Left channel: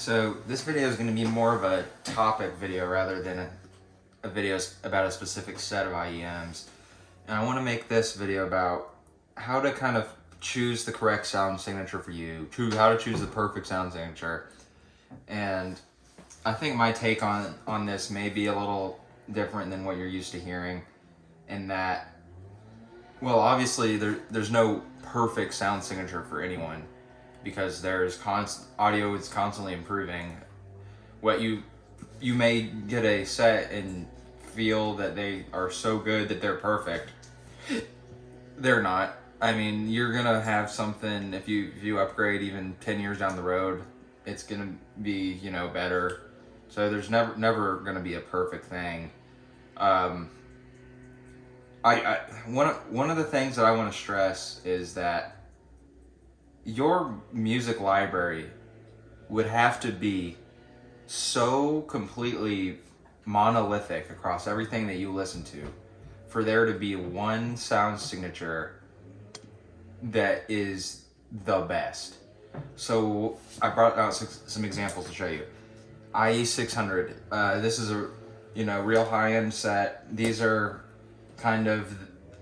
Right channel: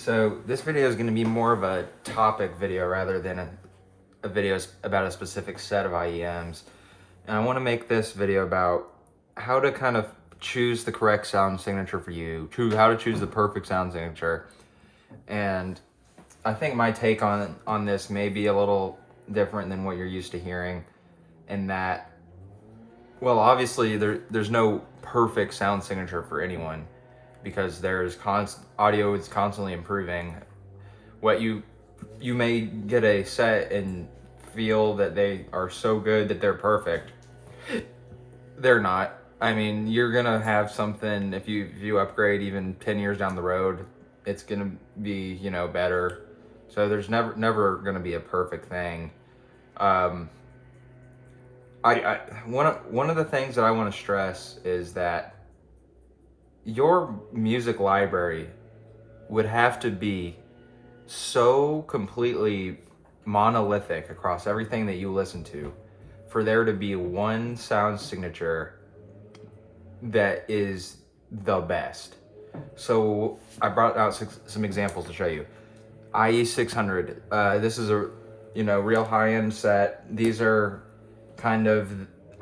So this video is going to be more of a topic video rather than a video about a specific set of IEMs. And I want to make this video about how to kind of choose the correct sound signature for you, how to choose the perfect sound signature. And I think my take on this may be a little different than what you're used to hearing, in that, well, obviously there's no perfect sound signature for anyone, because audio is constantly improving. What you may get a set and feel that they are so good that they're perfect. They're not. I mean, you're gonna have something, if you upgrade even 10 years down the road, it's gonna be, better. So there's never gonna be a perfect thing. One of the things that I want to stress is that your music library would have to be so completely monolithic across everything that you listen to for there to be one sound signature that is the best. So I brought out some examples to show you. IE600. This is a real high-end set. These are kind of,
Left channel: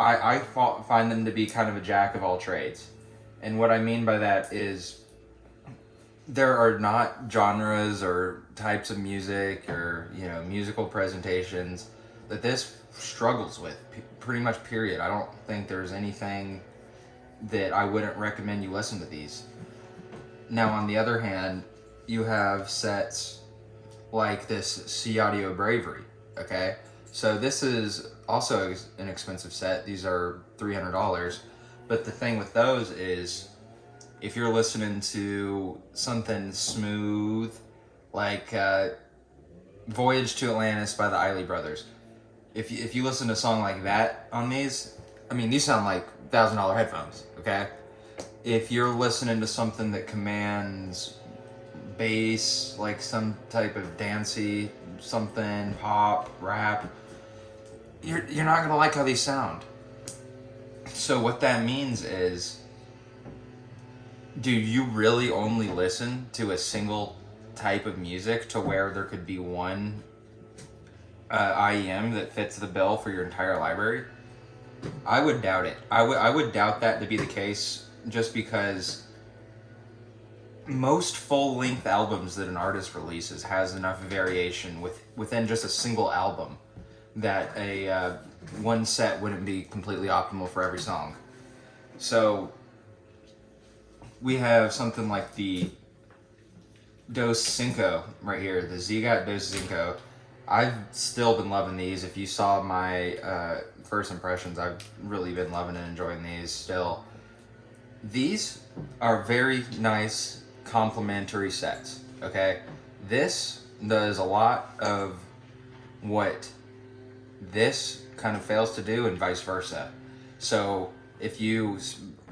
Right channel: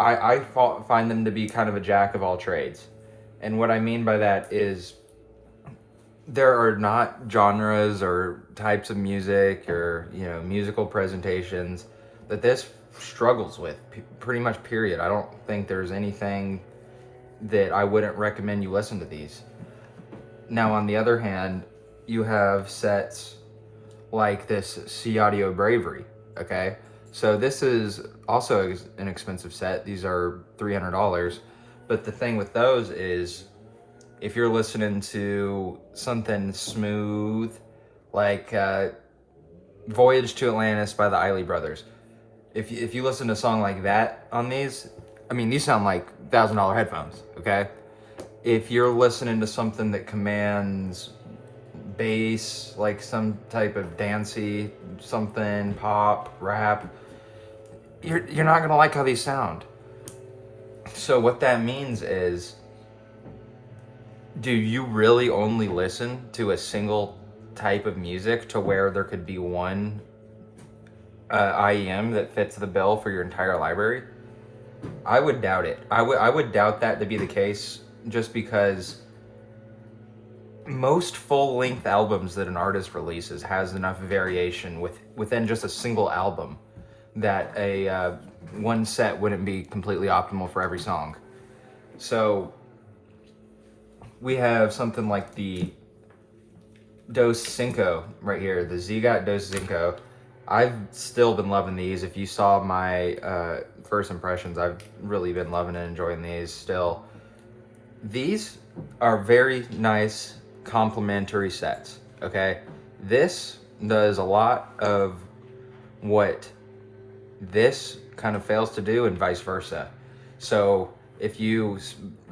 I find them to be kind of a jack of all trades. And what I mean by that is there are not genres or types of music or musical presentations that this struggles with, pretty much, period. I don't think there's anything that I wouldn't recommend you listen to these. Now, on the other hand, you have sets like this C Audio Bravery, okay? So this is also an expensive set. These are $300. But the thing with those is, if you're listening to something smooth, like Voyage to Atlantis by the Isley Brothers, if you listen to a song like that on these, I mean, these sound like $1,000 headphones, okay? If you're listening to something that commands bass, like some type of dancey, something, pop, rap, you're not gonna like how these sound. So what that means is, do you really only listen to a single type of music to where there could be one IEM that fits the bill for your entire library? I would doubt it. I would doubt that to be the case, just because most full-length albums that an artist releases has enough variation within just a single album that a one set wouldn't be completely optimal for every song. So we have something like the Dos Cinco right here, the Zigot Dos Cinco. I've still been loving these. If you saw my first impressions, I've really been loving and enjoying these still. These are very nice complementary sets, okay? This does a lot of what this kind of fails to do, and vice versa. So if you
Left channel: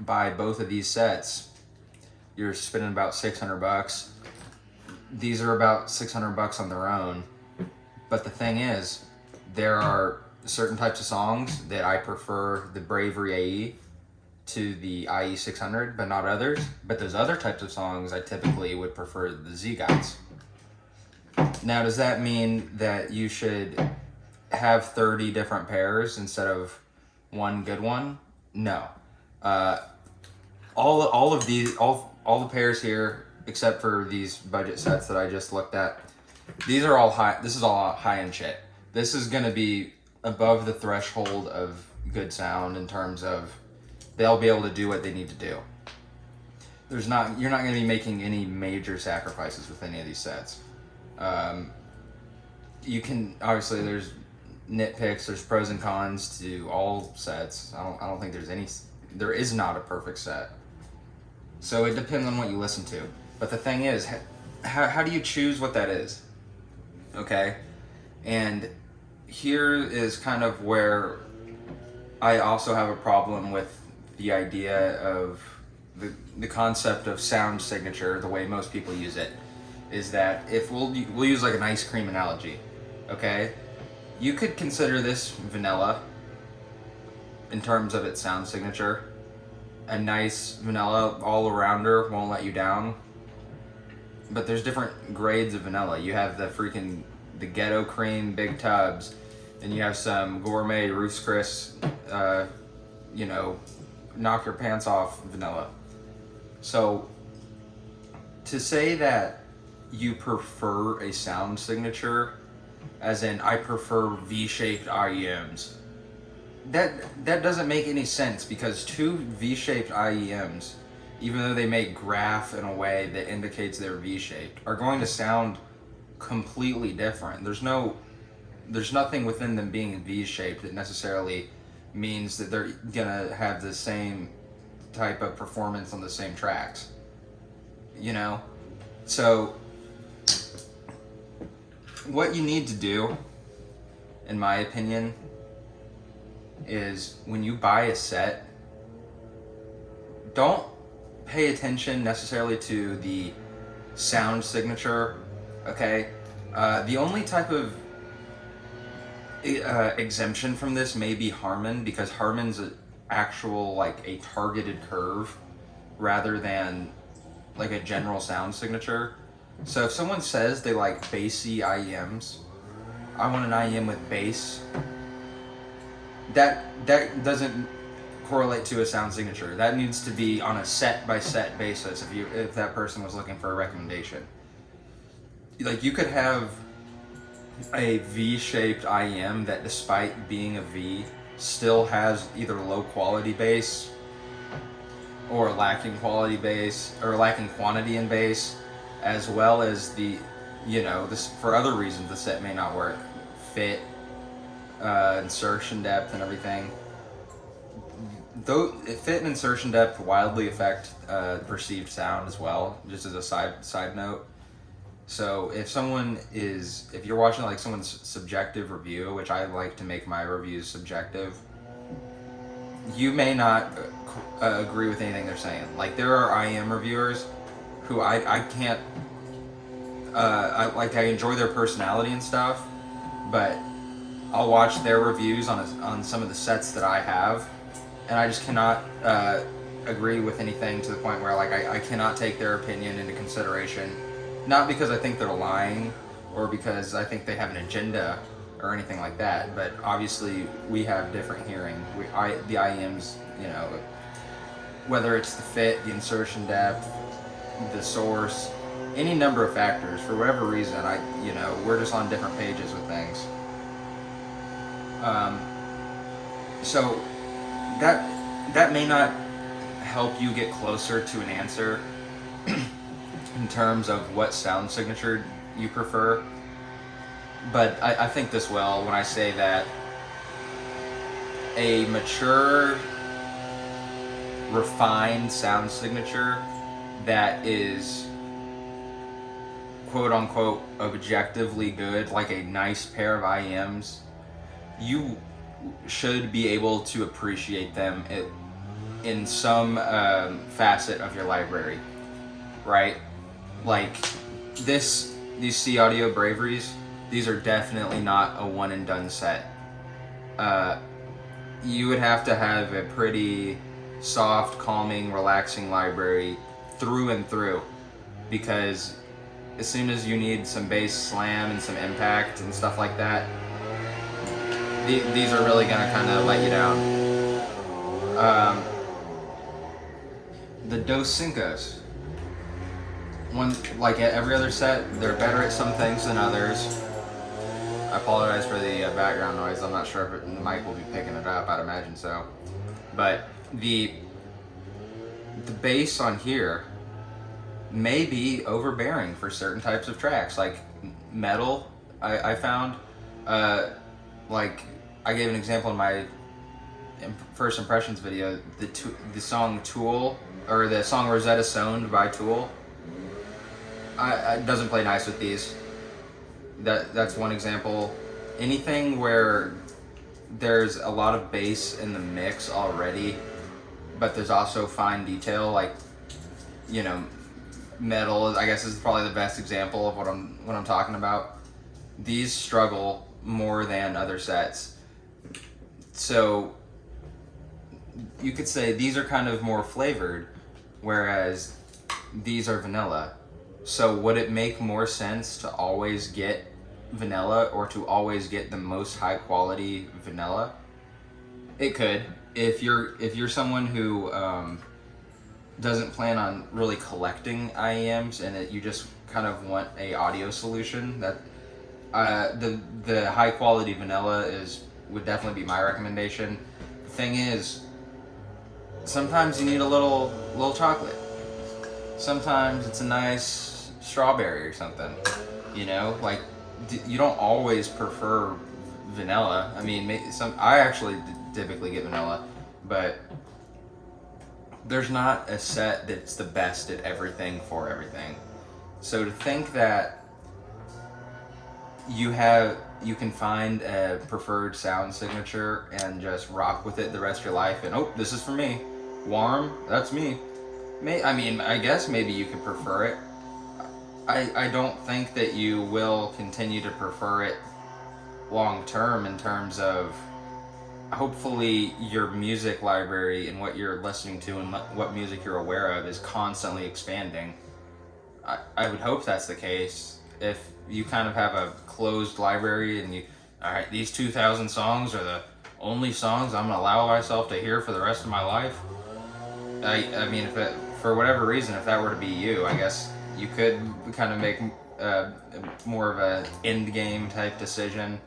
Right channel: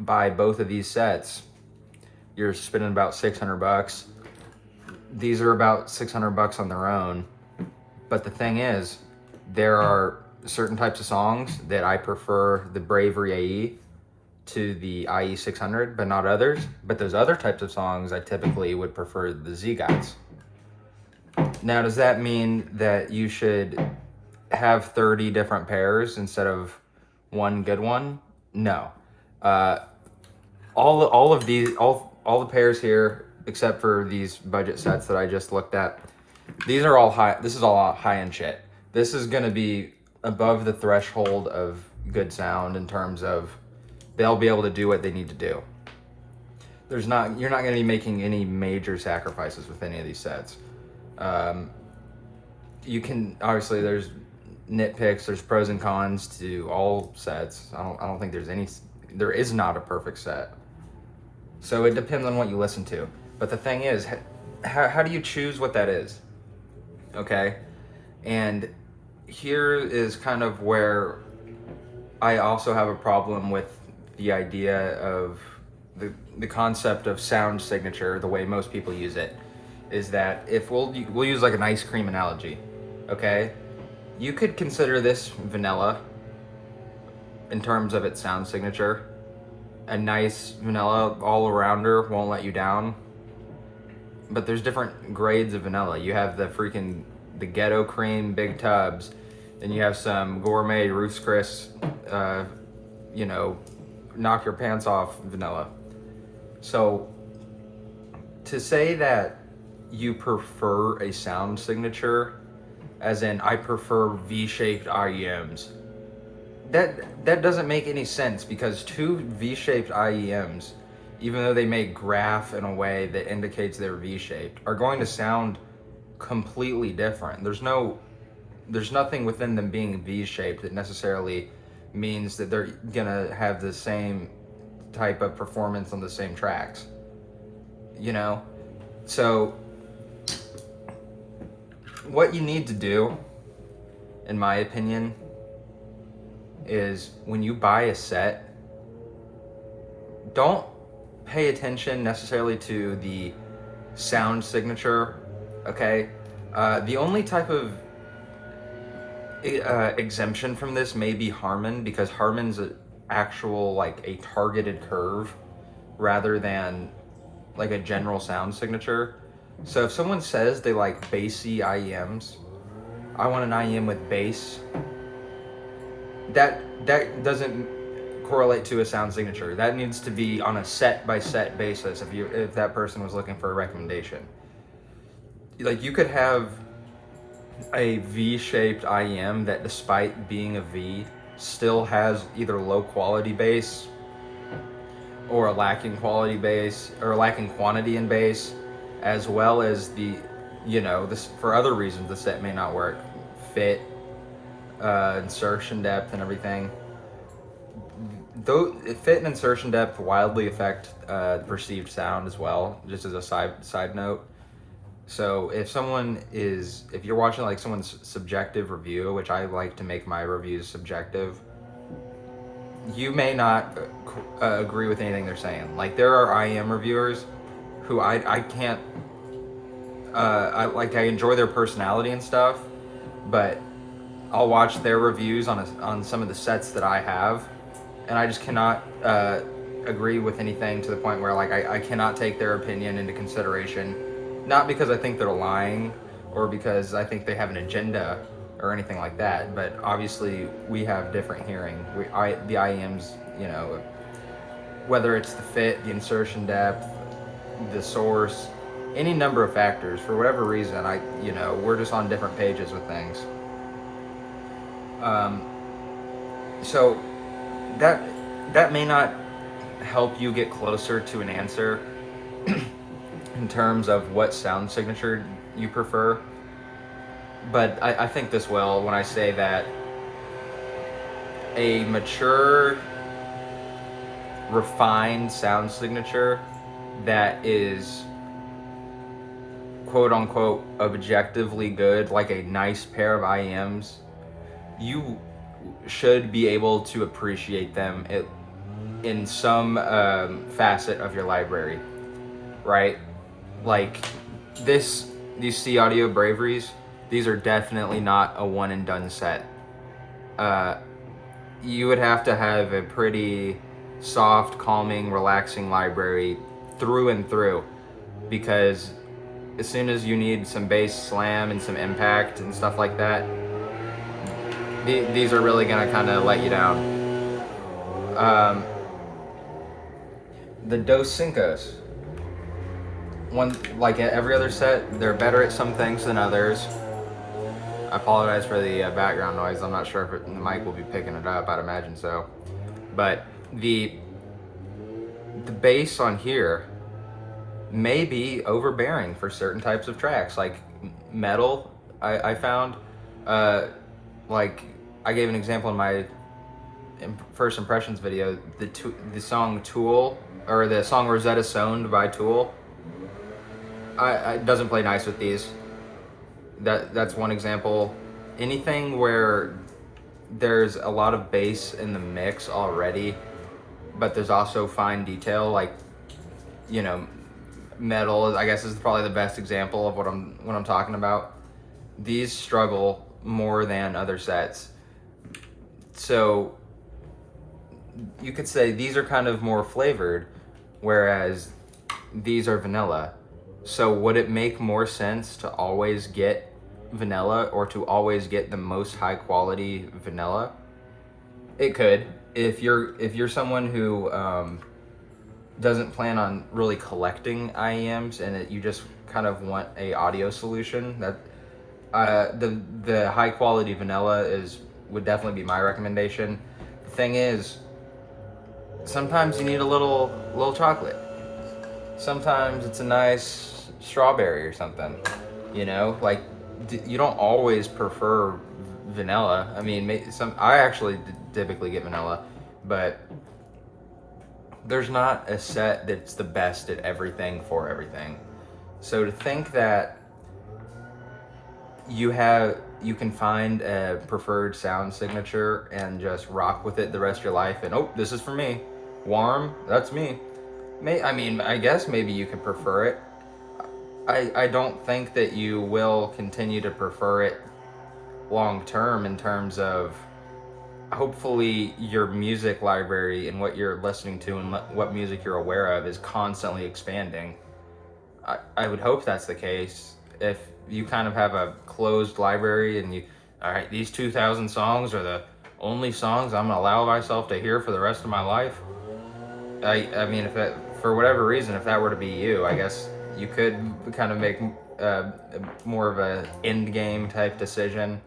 buy both of these sets, you're spending about $600. These are about $600 on their own. But the thing is, there are certain types of songs that I prefer the Bravery AE to the IE600, but not others. But those other types of songs, I typically would prefer the Zigots. Now, does that mean that you should have 30 different pairs instead of one good one? No. All the pairs here, except for these budget sets that I just looked at, these are all high. This is all high-end shit. This is going to be above the threshold of good sound in terms of they'll be able to do what they need to do. You're not going to be making any major sacrifices with any of these sets. You can, obviously, there's nitpicks, there's pros and cons to all sets. I don't think there is not a perfect set. So it depends on what you listen to. But the thing is, how do you choose what that is? Okay? And here is kind of where I also have a problem with the idea of the concept of sound signature, the way most people use it, is that if we'll use like an ice cream analogy, okay? You could consider this vanilla in terms of its sound signature. A nice vanilla all-arounder, won't let you down. but there's different grades of vanilla. You have the ghetto cream big tubs, then you have some gourmet Ruth's Chris, you know, knock your pants off vanilla. So to say that you prefer a sound signature, as in I prefer V-shaped IEMs, that doesn't make any sense, because two V-shaped IEMs, even though they may graph in a way that indicates they're V-shaped, are going to sound completely different. There's nothing within them being V-shaped that necessarily means that they're gonna have the same type of performance on the same tracks. You know? So what you need to do, in my opinion, is when you buy a set, don't pay attention necessarily to the sound signature, okay? The only type of exemption from this may be Harman, because Harman's an actual, like, a targeted curve rather than like a general sound signature. So if someone says they like bassy IEMs, I want an IEM with bass, that doesn't correlate to a sound signature. That needs to be on a set by set basis if that person was looking for a recommendation. Like, you could have a V-shaped IEM that, despite being a V, still has either low quality bass or a lacking quality bass, or lacking quantity in bass, as well as this, for other reasons the set may not work. Fit, insertion depth, and everything. Though fit and insertion depth wildly affect the perceived sound as well, just as a side note. So if you're watching like someone's subjective review, which I like to make my reviews subjective, you may not agree with anything they're saying. Like, there are IEM reviewers who I can't, I enjoy their personality and stuff, but I'll watch their reviews on some of the sets that I have, and I just cannot agree with anything, to the point where, like, I cannot take their opinion into consideration. Not because I think they're lying or because I think they have an agenda or anything like that, but obviously we have different hearing. The IEMs, you know, whether it's the fit, the insertion depth, the source, any number of factors, for whatever reason, we're just on different pages with things. So that may not help you get closer to an answer in terms of what sound signature you prefer, but I think this well when I say that a mature, refined sound signature that is quote unquote objectively good, like a nice pair of IEMs, you should be able to appreciate them in some facet of your library, right? Like these C Audio Braveries, these are definitely not a one and done set. You would have to have a pretty soft, calming, relaxing library through and through, because as soon as you need some bass slam and some impact and stuff like that, these are really gonna kind of let you down. The Dos Cincos, one, like every other set, they're better at some things than others. I apologize for the background noise. I'm not sure if the mic will be picking it up. I'd imagine so. But the bass on here may be overbearing for certain types of tracks, like metal. I found, like, I gave an example in my first impressions video. The song Tool, or the song Rosetta Stoned by Tool, it doesn't play nice with these. That's one example. Anything where there's a lot of bass in the mix already, but there's also fine detail, like, metal, I guess, is probably the best example of what I'm talking about. These struggle more than other sets. So you could say these are kind of more flavored, whereas these are vanilla. So would it make more sense to always get vanilla or to always get the most high quality vanilla? It could. If you're someone who doesn't plan on really collecting IEMs and that you just kind of want a audio solution, that the high quality vanilla is would definitely be my recommendation. The thing is, sometimes you need a little chocolate. Sometimes it's a nice strawberry or something. Like you don't always prefer vanilla. I mean, I actually typically get vanilla, but there's not a set that's the best at everything for everything. So to think that you can find a preferred sound signature and just rock with it the rest of your life, and oh, this is for me, warm, that's me. I guess maybe you can prefer it. I don't think that you will continue to prefer it long term, in terms of hopefully your music library and what you're listening to and what music you're aware of is constantly expanding. I would hope that's the case. If you kind of have a closed library and all right, these 2,000 songs are the only songs I'm gonna allow myself to hear for the rest of my life. I mean, for whatever reason, if that were to be you, I guess you could kind of make more of a end game type decision.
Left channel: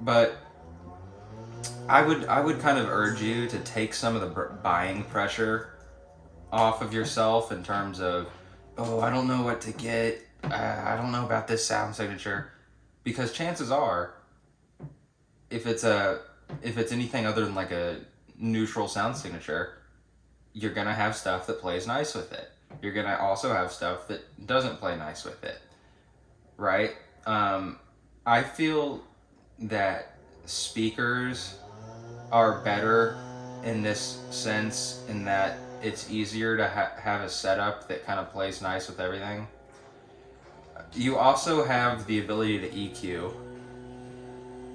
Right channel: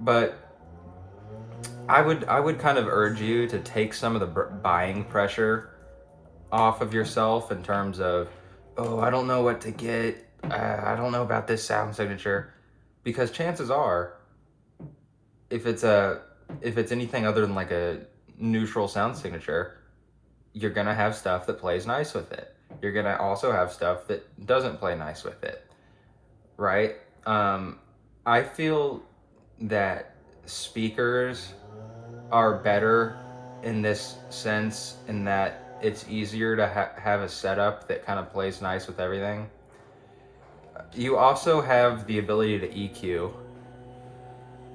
But I would kind of urge you to take some of the buying pressure off of yourself, in terms of, oh, I don't know what to get. I don't know about this sound signature, because chances are, if it's anything other than like a neutral sound signature, you're gonna have stuff that plays nice with it. You're gonna also have stuff that doesn't play nice with it, right? I feel that speakers are better in this sense, in that it's easier to have a setup that kind of plays nice with everything. You also have the ability to EQ,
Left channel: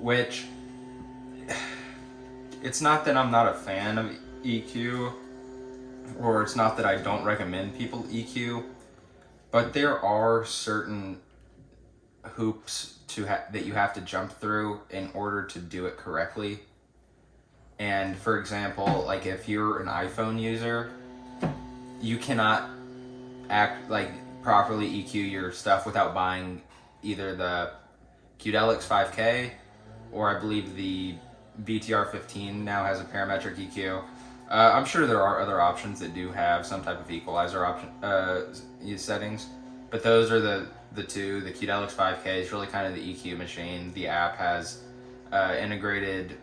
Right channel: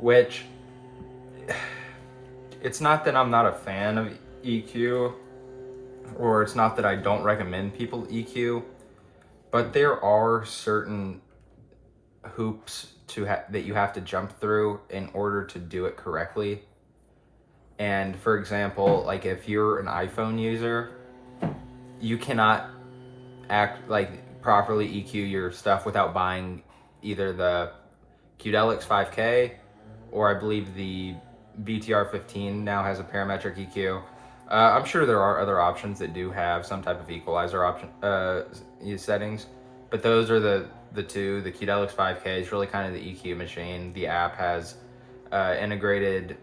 which it's not that I'm not a fan of EQ, or it's not that I don't recommend people EQ, but there are certain hoops that you have to jump through in order to do it correctly. And for example, like if you're an iPhone user, you cannot properly EQ your stuff without buying either the Qdelix 5K, or I believe the BTR 15 now has a parametric EQ. I'm sure there are other options that do have some type of equalizer option settings, but those are the two. The Qdelix 5K is really kind of the EQ machine. The app has integrated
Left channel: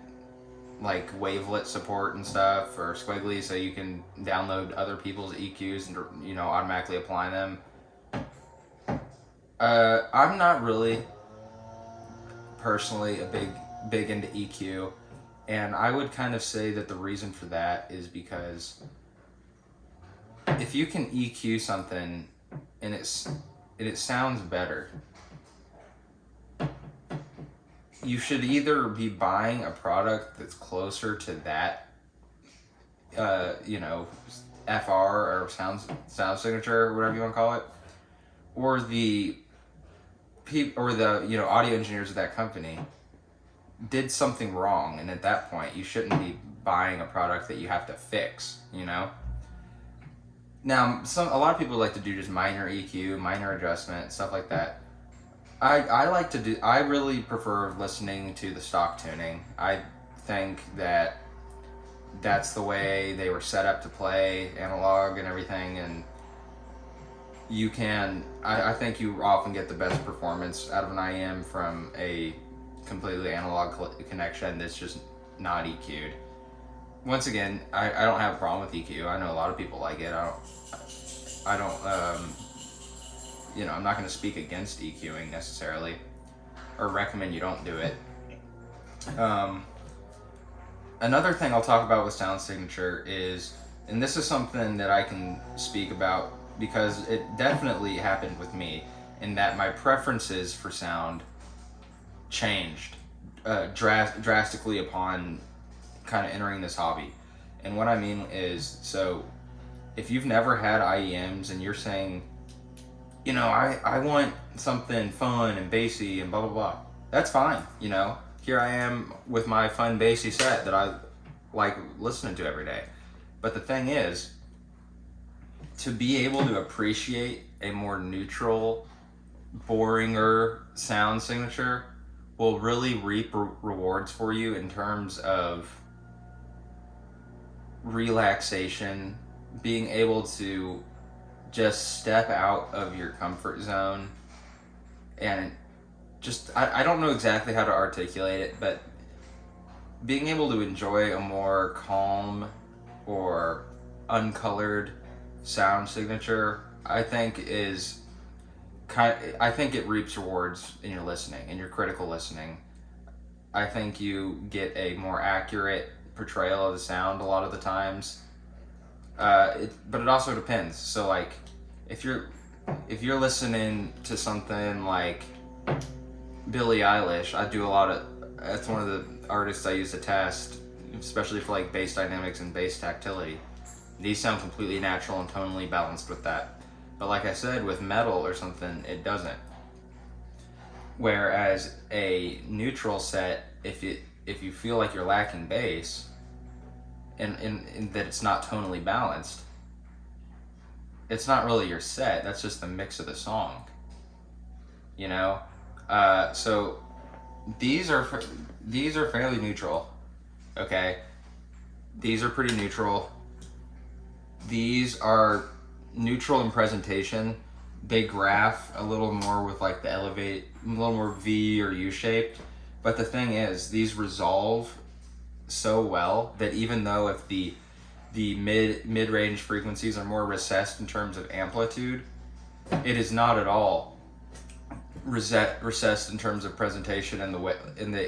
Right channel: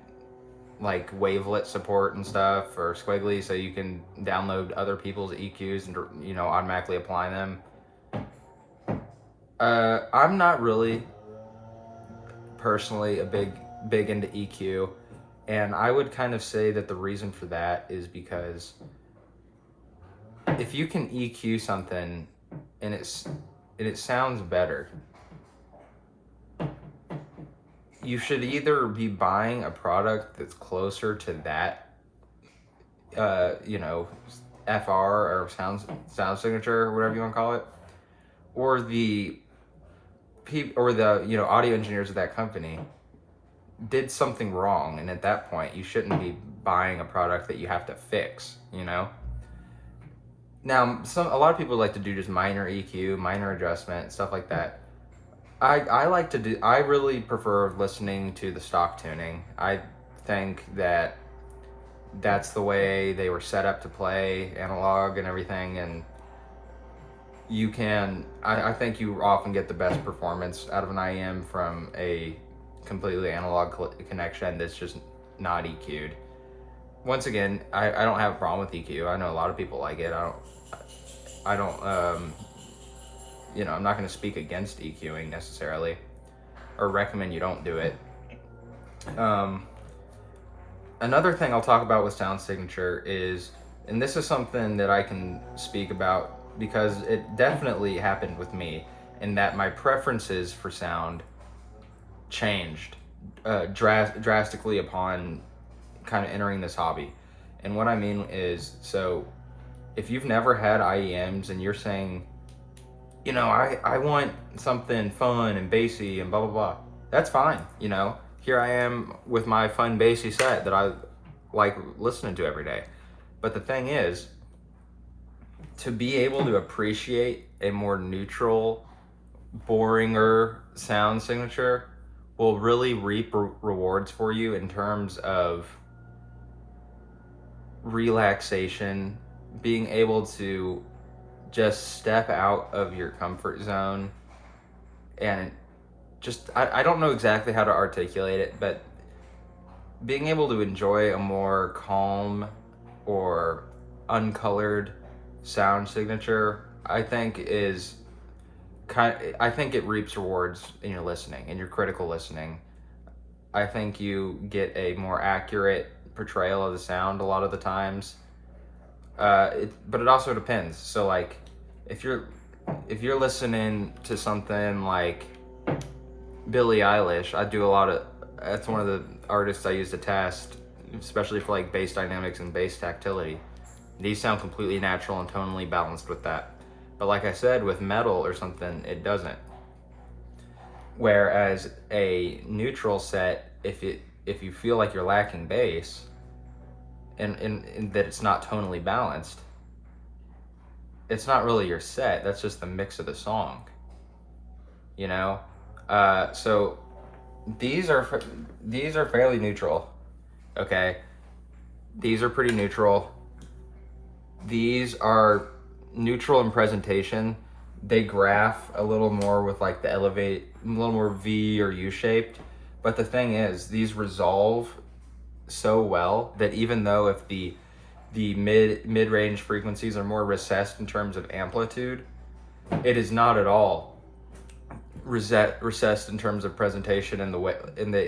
like wavelet support and stuff, or squiggly, so you can download other people's EQs and automatically apply them. I'm not really personally a big into EQ, and I would kind of say that the reason for that is because if you can EQ something and it sounds better, you should either be buying a product that's closer to that, FR or sound signature, or whatever you want to call it, or the audio engineers of that company did something wrong, and at that point you shouldn't be buying a product that you have to fix. Now, a lot of people like to do just minor EQ, minor adjustment, stuff like that. I really prefer listening to the stock tuning. I think that that's the way they were set up to play analog and everything, and I think you often get the best performance out of an IEM from a completely analog connection that's just not EQ'd. Once again, I don't have a problem with EQ. I know a lot of people like it. I don't I'm not going to speak against EQing necessarily, or recommend you don't do it. Another thing I'll talk about with sound signature is, and this is something that I can speak about because it definitely happened with me, in that my preferences for sound changed drastically upon kind of entering this hobby. And what I mean is, so if you've never had IEMs and you're saying, I want something fun and bassy and blah blah blah. That's fine. Here I am with my fun bassy set that I like listening to every day. But the thing is, to be able to appreciate a more neutral, boringer sound signature will really reap rewards for you in terms of relaxation, being able to just step out of your comfort zone and just I don't know exactly how to articulate it, but being able to enjoy a more calm or uncolored sound signature, I think I think it reaps rewards in your listening, in your critical listening. I think you get a more accurate portrayal of the sound a lot of the times. But it also depends. So like, if you're listening to something like Billie Eilish, that's one of the artists I use to test, especially for like bass dynamics and bass tactility. These sound completely natural and tonally balanced with that. But like I said, with metal or something, it doesn't. Whereas a neutral set, if you feel like you're lacking bass, and that it's not tonally balanced, it's not really your set. That's just the mix of the song. So these are fairly neutral. Okay, these are pretty neutral. These are neutral in presentation. They graph a little more with like the elevate, a little more V or U shaped. But the thing is, these resolve so well that even though if the mid-range frequencies are more recessed in terms of amplitude, it is not at all recessed in terms of presentation and the way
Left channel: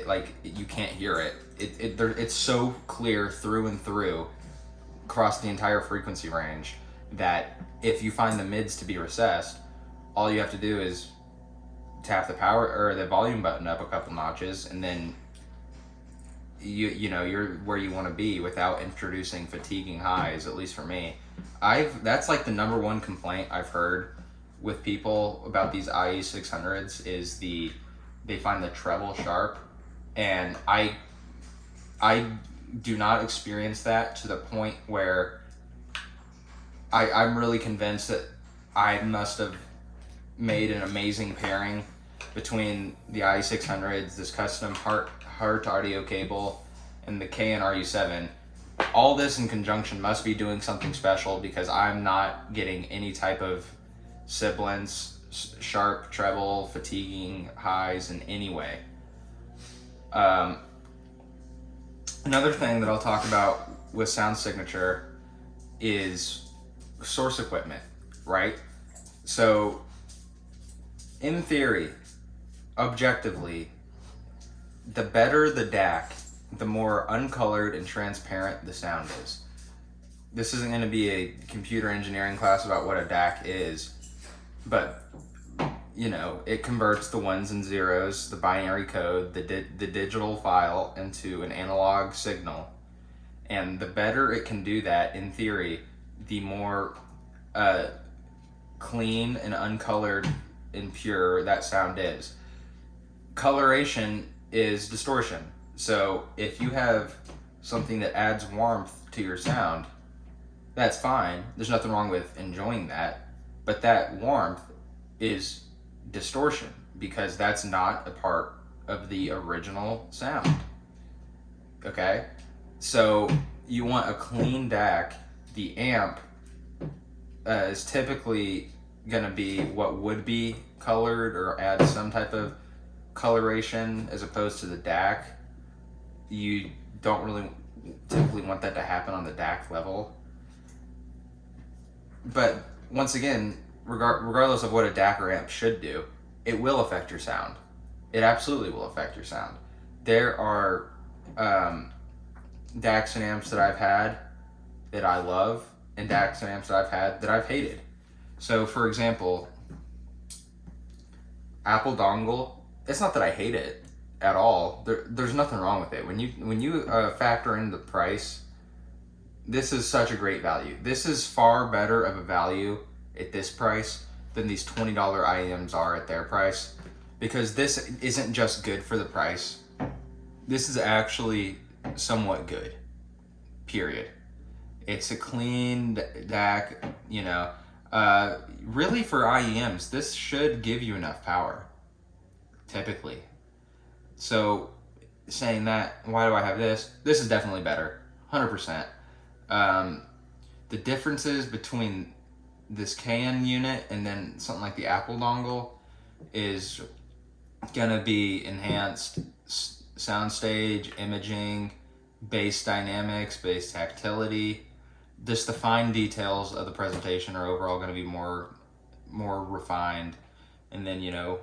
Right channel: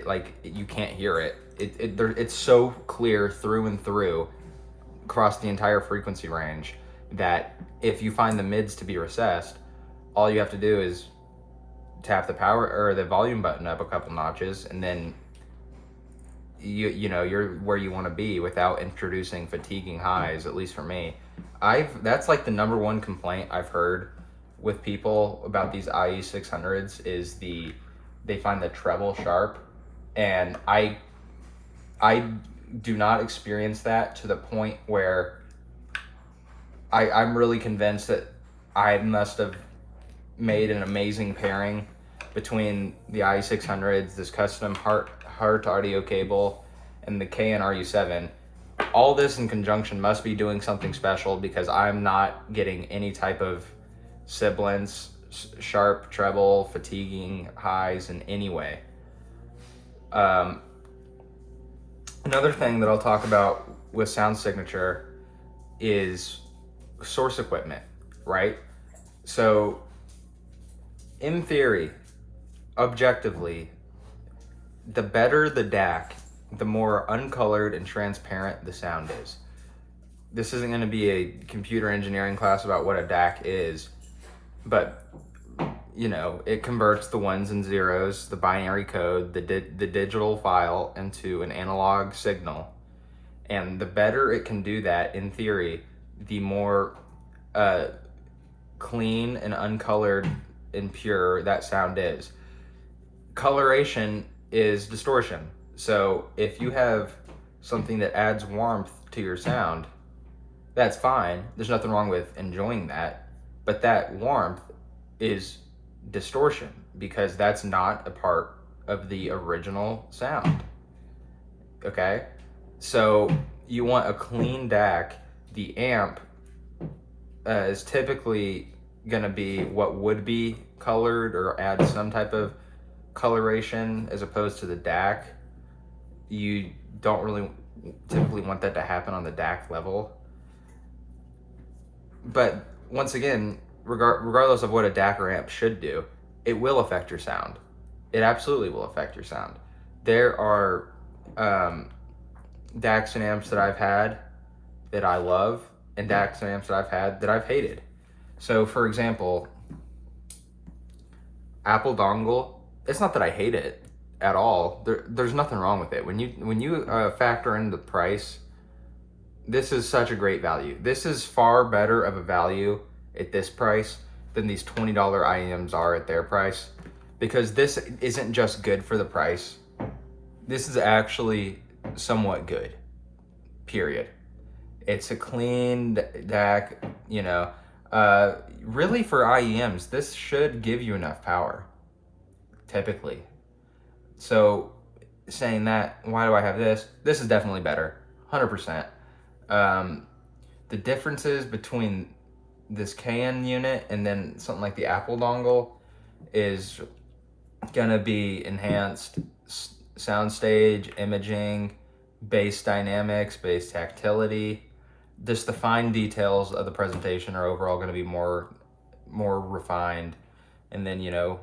like you can't hear it. It's so clear through and through across the entire frequency range that if you find the mids to be recessed, all you have to do is tap the power or the volume button up a couple notches, and then you're where you want to be without introducing fatiguing highs. At least for me, that's like the number one complaint I've heard with people about these IE600s is they find the treble sharp, and I do not experience that to the point where I'm really convinced that I must have made an amazing pairing between the IE600s, this custom Hart audio cable, and the KN-RU7. All this in conjunction must be doing something special, because I'm not getting any type of sibilance, sharp treble, fatiguing highs in any way. Another thing that I'll talk about with sound signature is source equipment, right? So, in theory, objectively, the better the DAC, the more uncolored and transparent the sound is. This isn't going to be a computer engineering class about what a DAC is, but it converts the ones and zeros, the binary code, the digital file into an analog signal. And the better it can do that, in theory, the more clean and uncolored and pure that sound is. Coloration is distortion. So if you have something that adds warmth to your sound, that's fine. There's nothing wrong with enjoying that. But that warmth is distortion, because that's not a part of the original sound. Okay? So you want a clean DAC. The amp is typically going to be what would be colored or add some type of coloration, as opposed to the DAC. You don't really typically want that to happen on the DAC level. But once again, regardless of what a DAC or amp should do, it will affect your sound. It absolutely will affect your sound. There are DACs and amps that I've had that I love, and DACs and amps that I've had that I've hated. So, for example, Apple dongle, it's not that I hate it at all. There's nothing wrong with it. When you factor in the price, this is such a great value. This is far better of a value at this price than these $20 IEMs are at their price, because this isn't just good for the price. This is actually somewhat good, period. It's a clean DAC, you know. Really, for IEMs, this should give you enough power, typically. So, saying that, why do I have this? This is definitely better, 100%. The differences between this KN unit and then something like the Apple dongle is gonna be enhanced soundstage, imaging, bass dynamics, bass tactility. Just the fine details of the presentation are overall going to be more refined, and then you're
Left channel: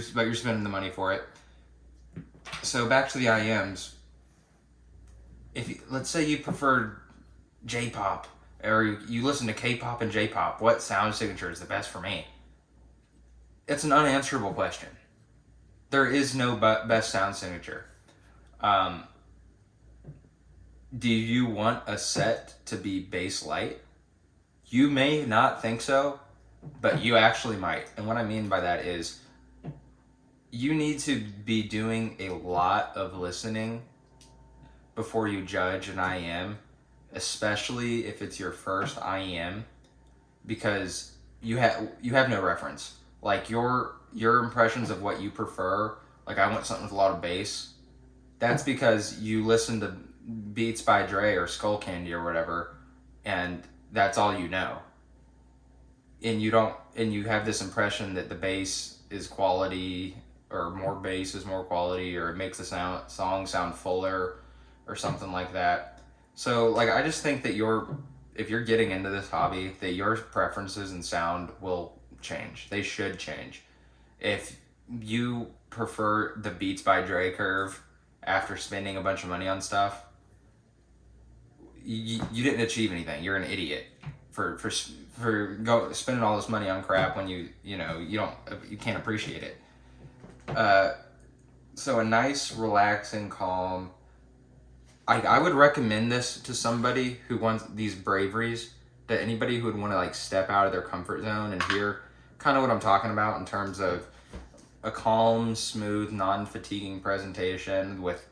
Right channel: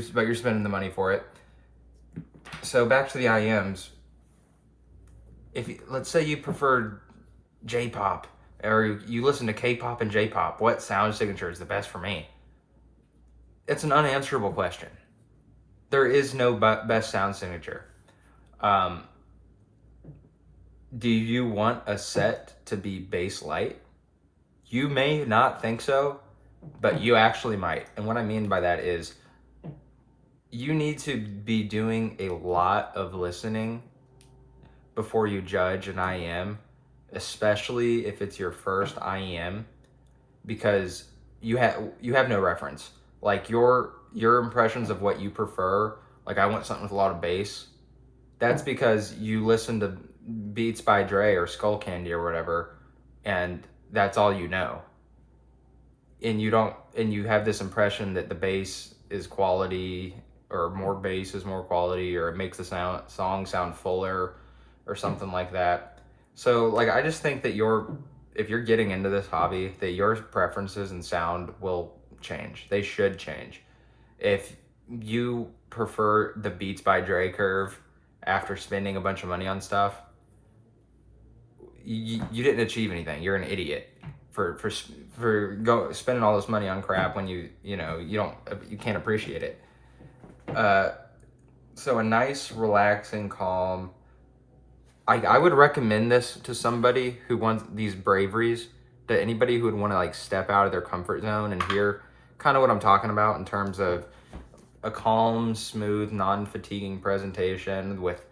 spending the money for it. So back to the IEMs. Let's say you prefer J-pop, or you listen to K-pop and J-pop, what sound signature is the best for me? It's an unanswerable question. There is no best sound signature. Do you want a set to be bass light? You may not think so, but you actually might. And what I mean by that is you need to be doing a lot of listening before you judge an IEM, especially if it's your first IEM, because you have no reference. Like your impressions of what you prefer, like I want something with a lot of bass, that's because you listen to Beats by Dre or Skull Candy or whatever, and that's all you know. And you have this impression that the bass is quality, or more bass is more quality, or it makes the song sound fuller or something like that. So like I just think that if you're getting into this hobby, that your preferences and sound will change. They should change. If you prefer the Beats by Dre curve after spending a bunch of money on stuff, you didn't achieve anything. You're an idiot for spending all this money on crap when you can't appreciate it. So a nice, relaxing, calm. I would recommend this to somebody who wants these braveries, to anybody who would want to like step out of their comfort zone and hear kind of what I'm talking about in terms of a calm, smooth, non-fatiguing presentation with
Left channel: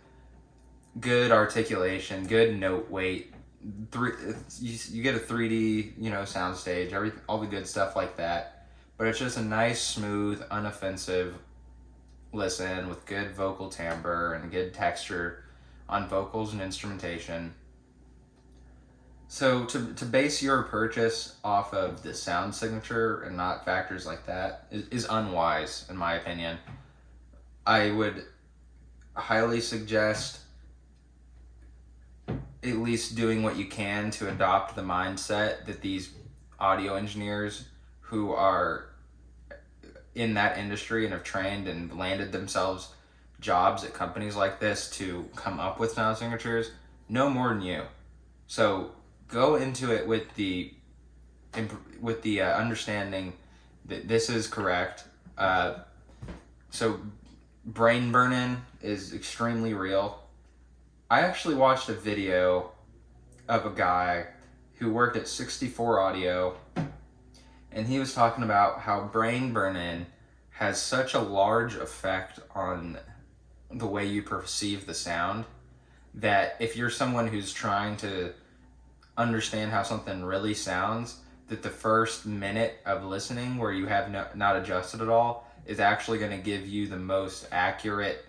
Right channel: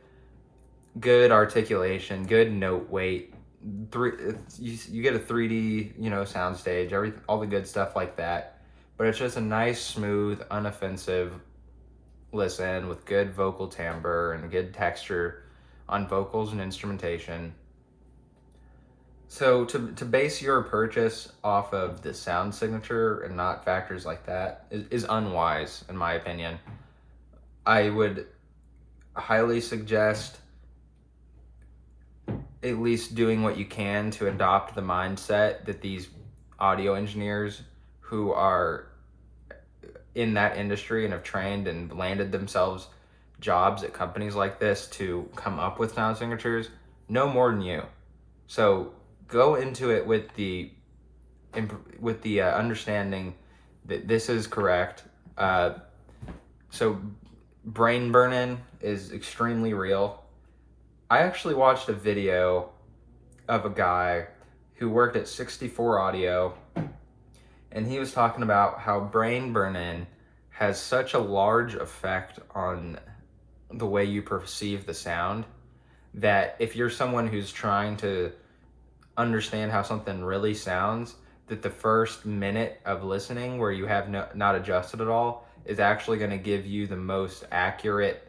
good articulation, good note weight. You get a 3D, sound stage, all the good stuff like that. But it's just a nice, smooth, unoffensive listen with good vocal timbre and good texture on vocals and instrumentation. So to base your purchase off of the sound signature and not factors like that is unwise, in my opinion. I would highly suggest at least doing what you can to adopt the mindset that these audio engineers who are in that industry and have trained and landed themselves jobs at companies like this to come up with sound signatures know more than you. So go into it with the understanding that this is correct. So brain burn-in is extremely real. I actually watched a video of a guy who worked at 64 Audio, and he was talking about how brain burn-in has such a large effect on the way you perceive the sound, that if you're someone who's trying to understand how something really sounds, that the first minute of listening where you have not adjusted at all is actually going to give you the most accurate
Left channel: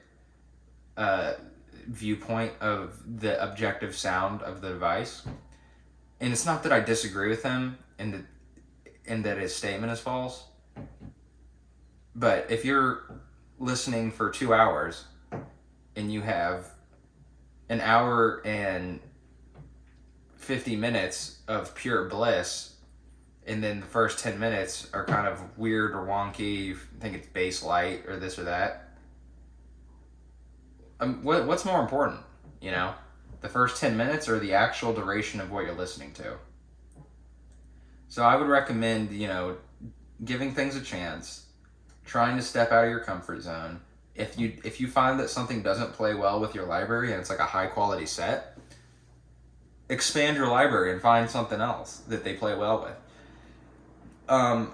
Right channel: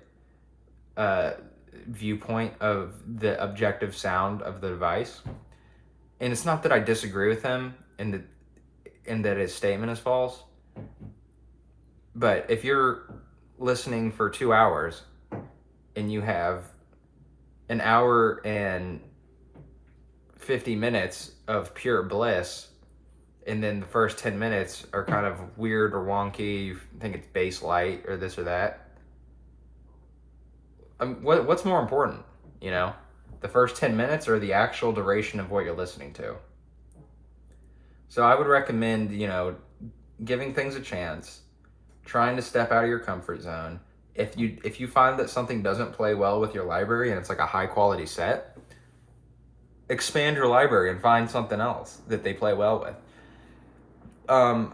viewpoint of the objective sound of the device. And it's not that I disagree with him in that his statement is false, but if you're listening for 2 hours and you have an hour and 50 minutes of pure bliss, and then the first 10 minutes are kind of weird or wonky, you think it's bass light or this or that, what's more important, the first 10 minutes or the actual duration of what you're listening to? So I would recommend, giving things a chance, trying to step out of your comfort zone. If you find that something doesn't play well with your library and it's like a high quality set, expand your library and find something else that they play well with. Um,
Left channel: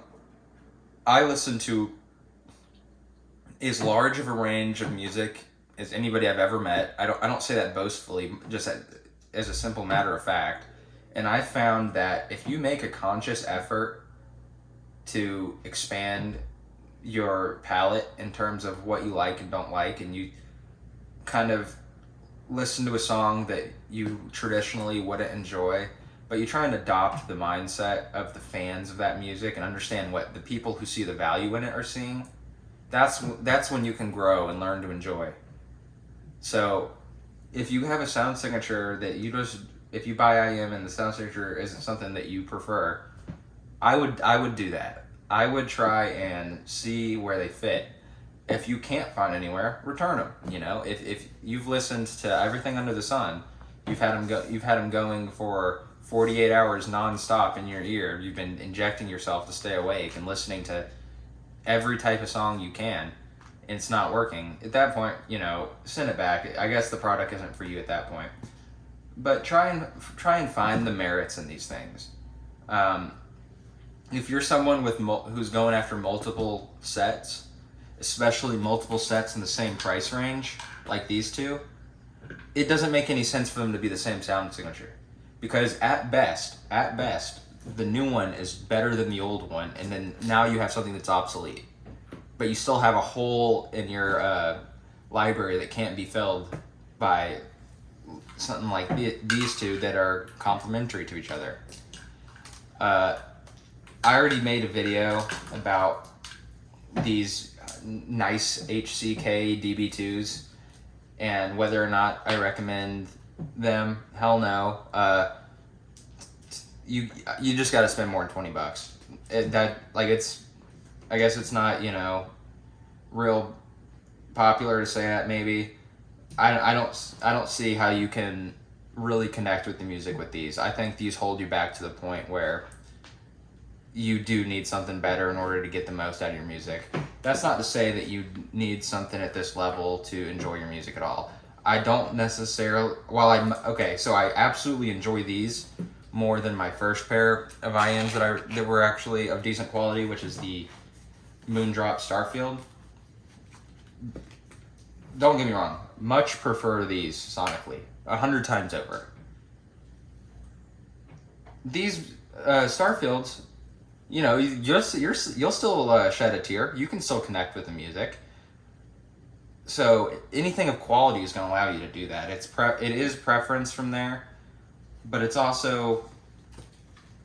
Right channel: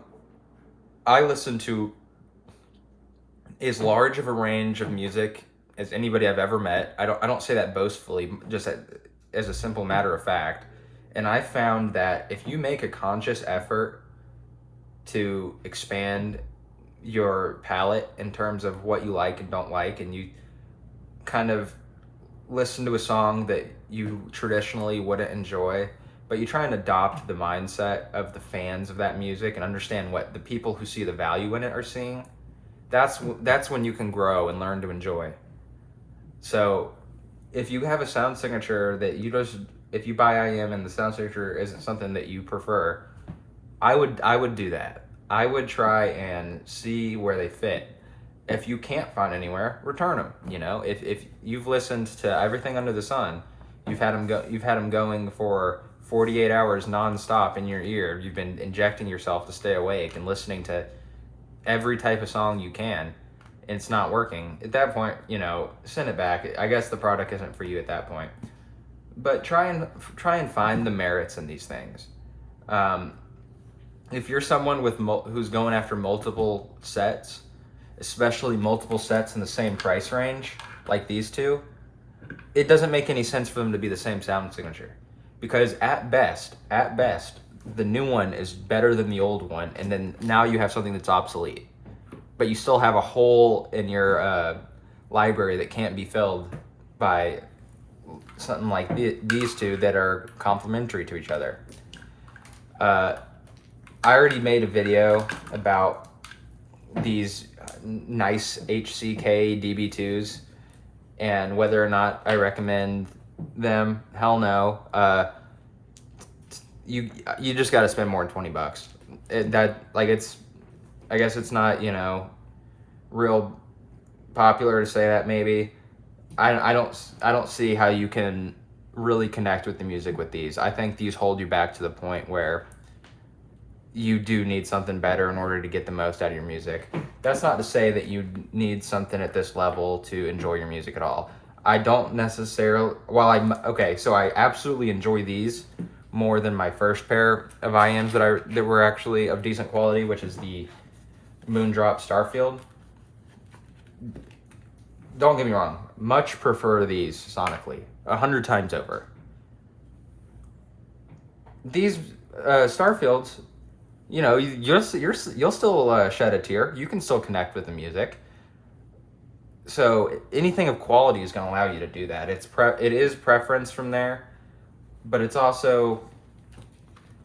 I listen to as large of a range of music as anybody I've ever met. I don't say that boastfully, just as a simple matter of fact. And I found that if you make a conscious effort to expand your palette in terms of what you like and don't like, and you kind of listen to a song that you traditionally wouldn't enjoy, but you try and adopt the mindset of the fans of that music and understand what the people who see the value in it are seeing, that's when you can grow and learn to enjoy. So if you have a sound signature that you just, if you buy IM and the sound signature isn't something that you prefer, I would do that. I would try and see where they fit. If you can't find anywhere, return them. If you've listened to everything under the sun, you've had them going for 48 hours nonstop in your ear. You've been injecting yourself to stay awake and listening to every type of song you can, and it's not working. At that point, send it back. I guess the product isn't for you at that point. But try and find the merits in these things. If you're someone who's going after multiple sets, especially multiple sets in the same price range, like these two, it doesn't make any sense for them to be the same sound signature, because at best, the new one is better than the old one, and then now you have something that's obsolete, but you still have a hole in your library that can't be filled by something like these two that are complementary to each other. I already made a video about these nice HCK DB2s and whether or not I recommend them. Hell no. You just got to spend more than $20. I guess it's not real popular to say that. Maybe I don't see how you can really connect with the music with these. I think these hold you back to the point where you do need something better in order to get the most out of your music. That's not to say that you need something at this level to enjoy your music at all. I don't necessarily, so I absolutely enjoy these more than my first pair of IMs that were actually of decent quality, which is the Moondrop Starfield. Don't get me wrong, much prefer these sonically, 100 times over. These Starfields, you'll still shed a tear. You can still connect with the music. So anything of quality is going to allow you to do that. It is preference from there, but it's also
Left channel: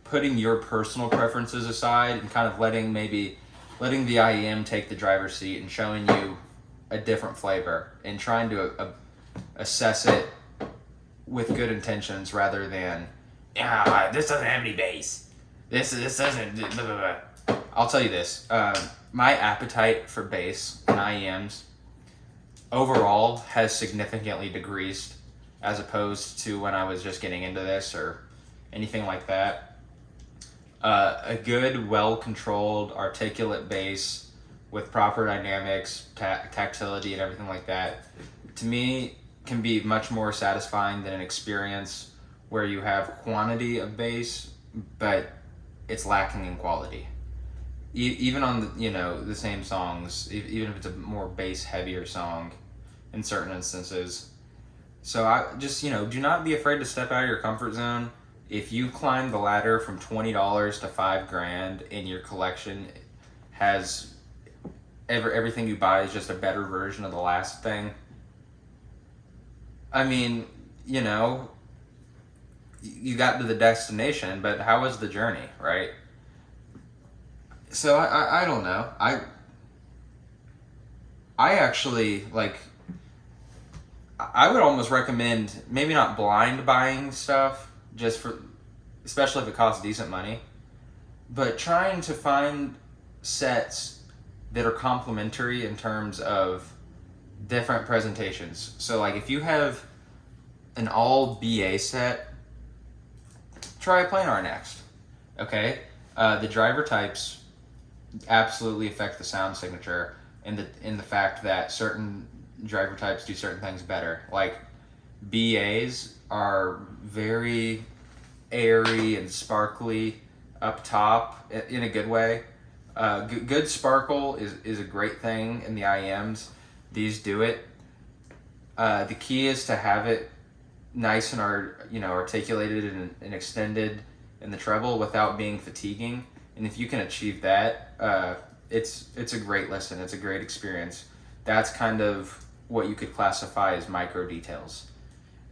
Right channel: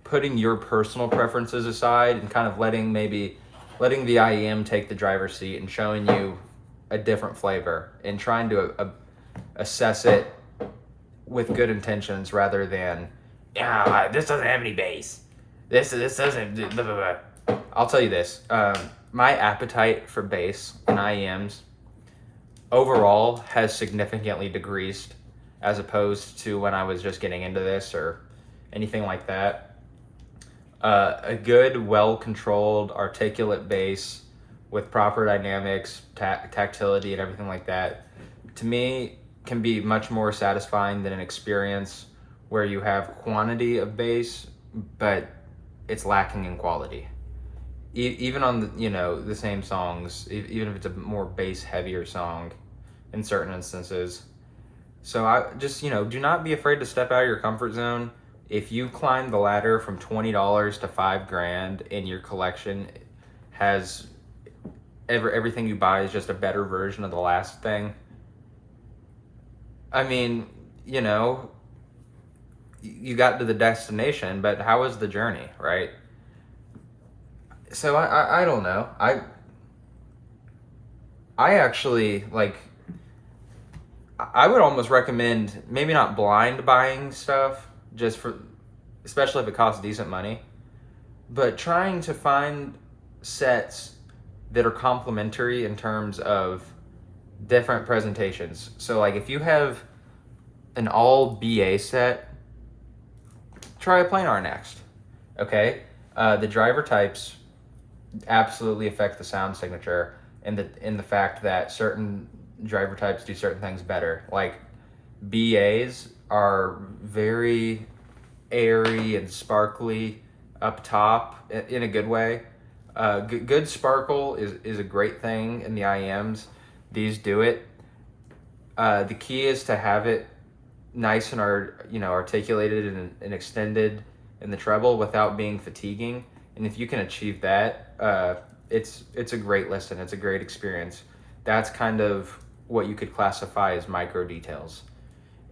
putting your personal preferences aside and kind of letting the IEM take the driver's seat and showing you a different flavor and trying to assess it with good intentions rather than, this doesn't have any bass. This doesn't. Blah, blah, blah. I'll tell you this. My appetite for bass and IEMs overall has significantly decreased as opposed to when I was just getting into this or anything like that. A good, well-controlled, articulate bass with proper dynamics, tactility, and everything like that, to me, can be much more satisfying than an experience where you have quantity of bass, but it's lacking in quality. Even on the same songs, even if it's a more bass heavier song in certain instances. So I just do not be afraid to step out of your comfort zone. If you climb the ladder from $20 to $5,000 and your collection has everything you buy is just a better version of the last thing, I mean, you got to the destination, but how was the journey, right? So I don't know. I actually I would almost recommend maybe not blind buying stuff, especially if it costs decent money, but trying to find sets that are complementary in terms of different presentations. So if you have an all BA set, try a planar next. Okay, the driver types absolutely affect the sound signature, in the fact that certain driver types do certain things better. Like BAs are very airy and sparkly. up top in a good way. Good sparkle is a great thing in the IEMs. These do it. The key is to have it nice and articulated and extended in the treble without being fatiguing. And if you can achieve that, it's a great listen. It's a great experience. That's kind of what you could classify as micro details,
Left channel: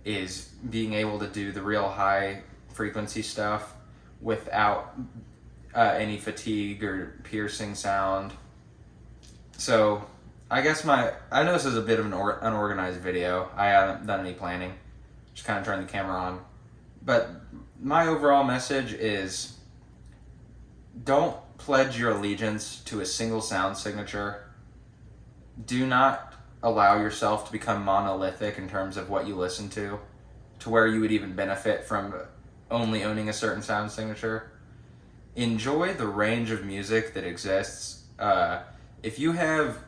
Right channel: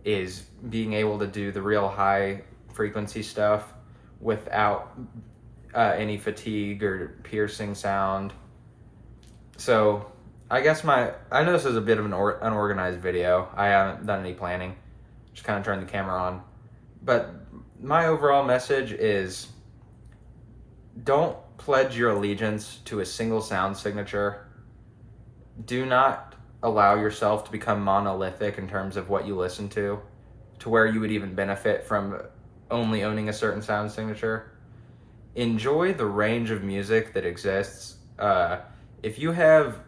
is being able to do the real high frequency stuff without any fatigue or piercing sound. So I guess I know this is a bit of an unorganized video. I haven't done any planning. Just kind of turned the camera on. But my overall message is, don't pledge your allegiance to a single sound signature. Do not allow yourself to become monolithic in terms of what you listen to where you would even benefit from only owning a certain sound signature. Enjoy the range of music that exists. If you have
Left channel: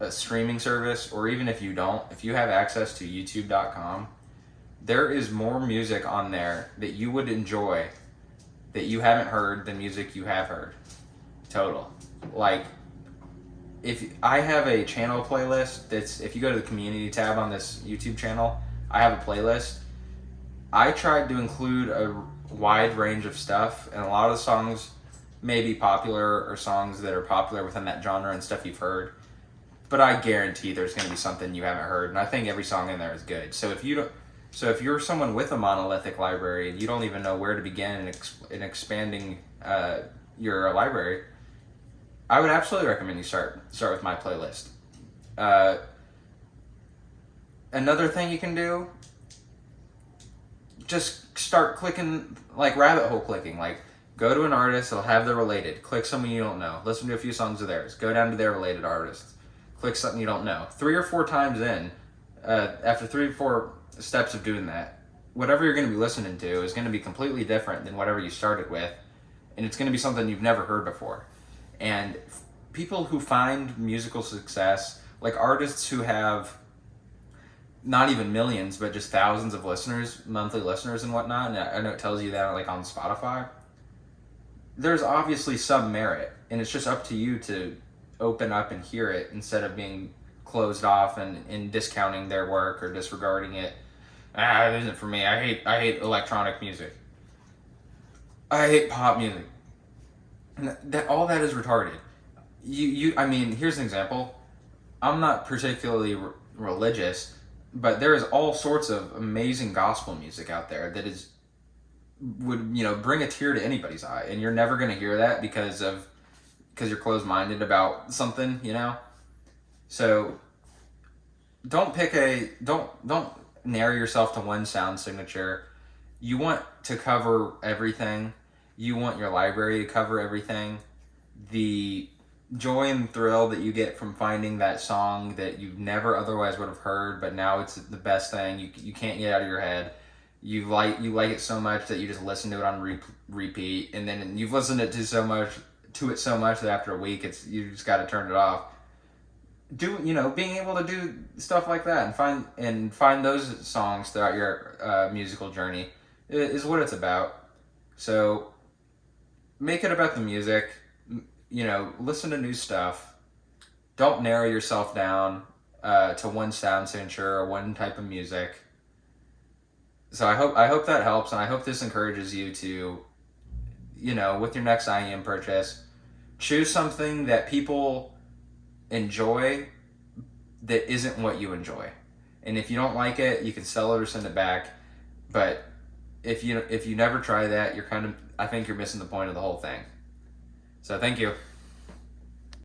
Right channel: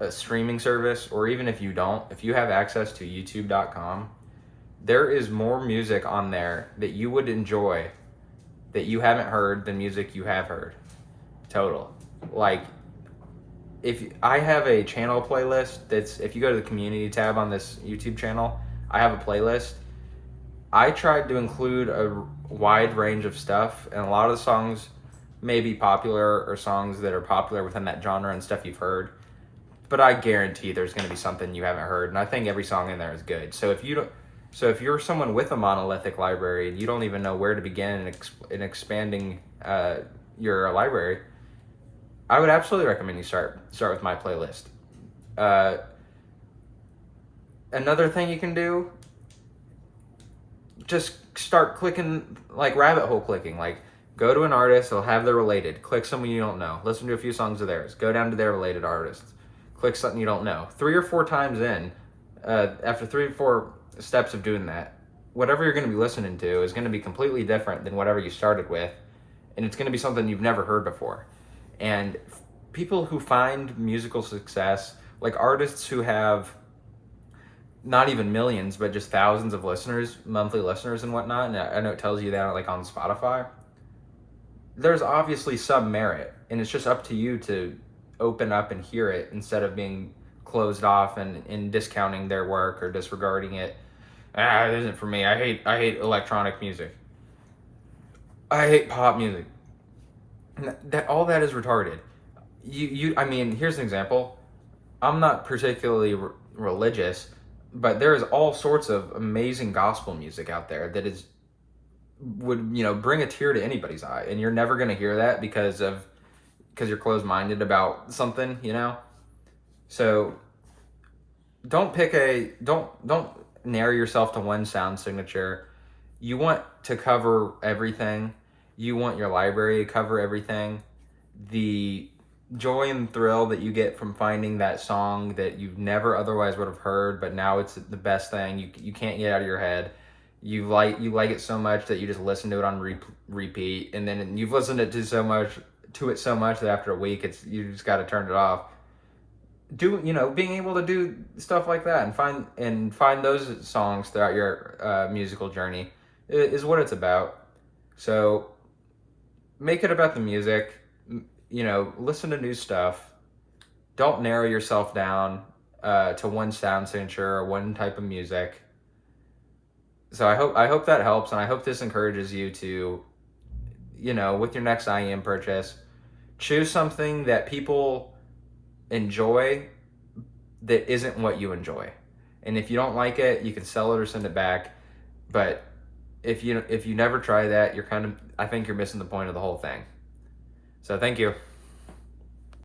a streaming service, or even if you don't, if you have access to youtube.com, there is more music on there that you would enjoy that you haven't heard than music you have heard. Total. Like, if I have a channel playlist that's, if you go to the community tab on this YouTube channel, I have a playlist. I tried to include a wide range of stuff, and a lot of the songs may be popular, or songs that are popular within that genre and stuff you've heard, but I guarantee there's going to be something you haven't heard, and I think every song in there is good. So if you're someone with a monolithic library and you don't even know where to begin in expanding your library, I would absolutely recommend you start with my playlist. Another thing you can do, just start clicking, like rabbit hole clicking. Like, go to an artist, they'll have their related. Click someone you don't know. Listen to a few songs of theirs. Go down to their related artists. Click something you don't know. 3 or 4 times in, after 3 or 4 steps of doing that, whatever you're going to be listening to is going to be completely different than whatever you started with, and it's going to be something you've never heard before. And people who find musical success, like artists who have not even millions, but just thousands of listeners, monthly listeners and whatnot, and I know it tells you that like on Spotify, there's obviously some merit, and it's just up to you to open up and hear it instead of being closed off and discounting their work or disregarding it. It isn't for me. I hate electronic music. I hate pop music. All that is retarded. I mean, here's an example. I'm not particularly religious, but there is all sorts of amazing gospel music out there that would bring a tear to anybody's eye, and you're never going to hear that because you're closed-minded about something, So don't narrow yourself to one sound signature. You want to cover everything. You want your library to cover everything. The joy and thrill that you get from finding that song that you never otherwise would have heard, but now it's the best thing. You can't get out of your head. You like it so much that you just listen to it on repeat, and then you've listened to it so much that after a week you just got to turn it off. Being able to do stuff like that and find those songs throughout your musical journey is what it's about. So make it about the music. Listen to new stuff. Don't narrow yourself down to one sound signature or one type of music. So I hope that helps, and I hope this encourages you to, with your next IEM purchase, choose something that people enjoy that isn't what you enjoy. And if you don't like it, you can sell it or send it back. But if you never try that, I think you're missing the point of the whole thing. So thank you.